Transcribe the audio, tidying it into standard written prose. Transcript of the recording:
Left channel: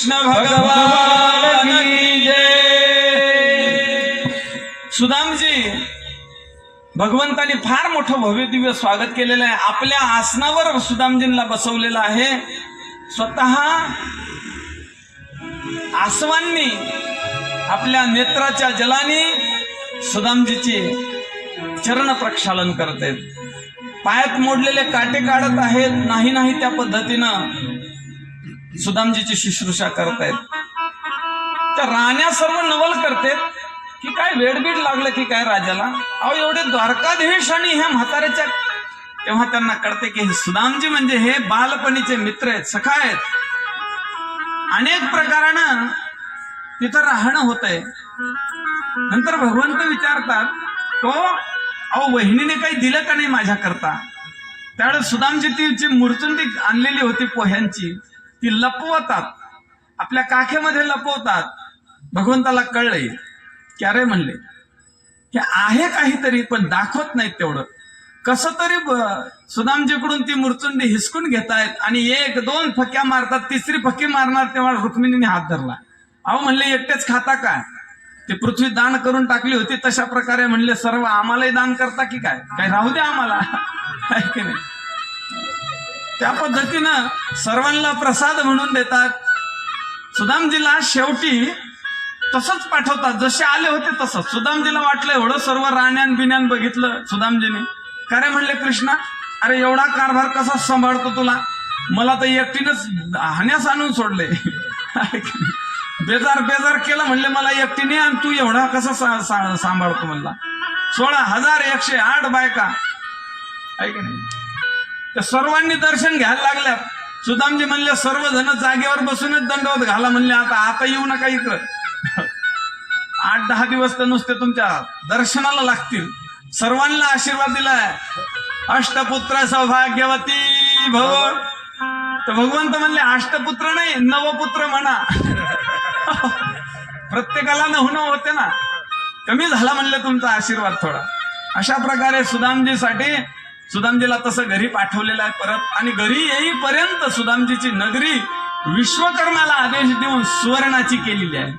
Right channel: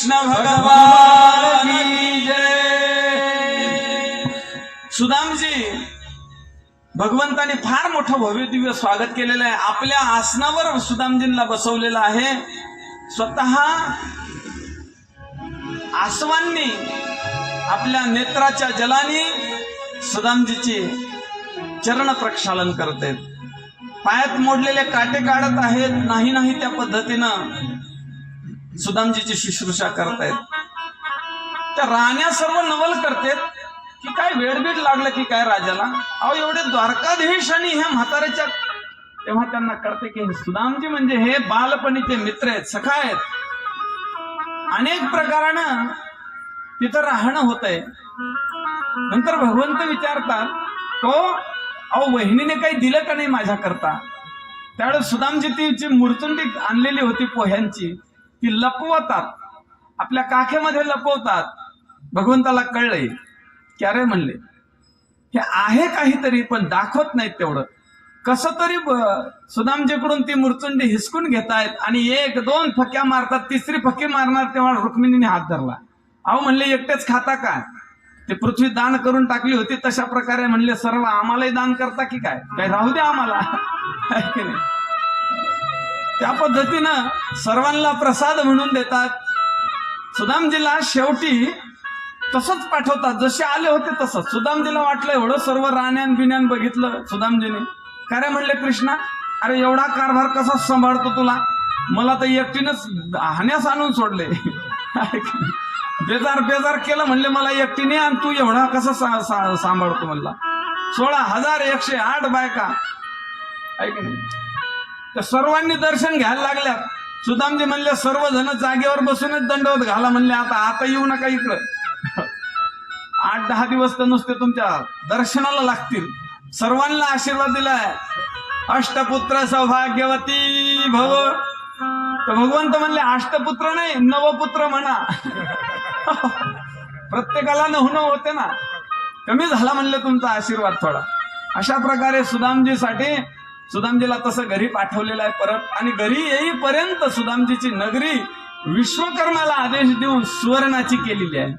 कृष्ण भगवान की जय। सुदामजी, भगवंताने फार मोठं भव्य दिव्य स्वागत केलेलं आहे. आपल्या आसनावर सुदामजींना बसवलेलं आहे. स्वतः आसवांनी आपल्या नेत्राच्या जलाने सुदामजीची चरण प्रक्षालन करतात. पायात मोडलेले काटे काढत आहेत. नाही त्या पद्धतीनं सुदामजीची शुश्रूषा करतायत. त्या राण्या सर्व नवल करतात की काय वेडबीड लागलं की काय राजाला. अहो एवढे द्वारकाधीश आणि ह्या म्हाताऱ्याच्या, तेव्हा त्यांना कळते की हे सुदामजी म्हणजे हे बालपणीचे मित्र आहेत, सखा आहेत. अनेक प्रकारानं तिथं राहणं होतंय. नंतर भगवंत विचारतात, हो अहो वहिनीने काही दिलं का नाही माझ्या करता. त्यावेळेस सुदामजी ती मुरचुंडी आणलेली होती पोह्यांची, ती लपवतात, आपल्या काखेमध्ये लपवतात. भगवंताला कळलंय की अरे म्हणले हे आहे काहीतरी पण दाखवत नाहीत. तेवढं कसं तरी सुदामजीकडून ती मुरचुंडी हिसकून घेतायत आणि एक दोन फक्या मारतात. तिसरी फकी मारणार तेव्हा रुक्मिणीने हात धरला. अहो म्हणले एकटेच खाता का, ते पृथ्वी दान करून टाकली होती तशा प्रकारे म्हणले सर्व आम्हालाही दान करता की काय, काय राहू द्या आम्हाला, आहे की नाही. त्या पद्धतीनं सर्वांना प्रसाद म्हणून देतात. सुदामजीला शेवटी तसंच पाठवतात, जसे आले होते तसंच. सुदामजीला वाटलं एवढं सर्व राण्यान बिन्यान बघितलं सुदामजीने. काय म्हणले कृष्णा, अरे एवढा कारभार कसा सांभाळतो तुला, मला तर एकटीनंच हाण्यास आणून सोडले, बेजार केलं म्हणले मला एकटीने, आणि तू एवढा कसा सांभाळतो म्हणला. 16,108 बायका, आहे की नाही. तर सर्वांनी दर्शन घ्यायला लागल्या. सुदामजी म्हणले सर्वजण जागेवर बसूनच दंडवत घाला म्हणले, आता येऊ नका इकडं. 8-10 दिवस तर नुसते तुमच्या दर्शनाला लागतील. सर्वांना आशीर्वाद दिलाय, अष्टपुत्र सौभाग्यवती भव. तर भगवंत म्हणले अष्टपुत्र नाही नवपुत्र म्हणा. प्रत्येकाला नवनं होते ना, कमी झाला म्हणले तुमचा आशीर्वाद थोडा. अशा प्रकारे सुदामजीला तसं घरी पाठवलेलं आहे परत. आणि घरी येईपर्यंत सुदामजीची नगरी विश्वकर्माला आदेश देऊन सुवर्णाची केलेली आहे.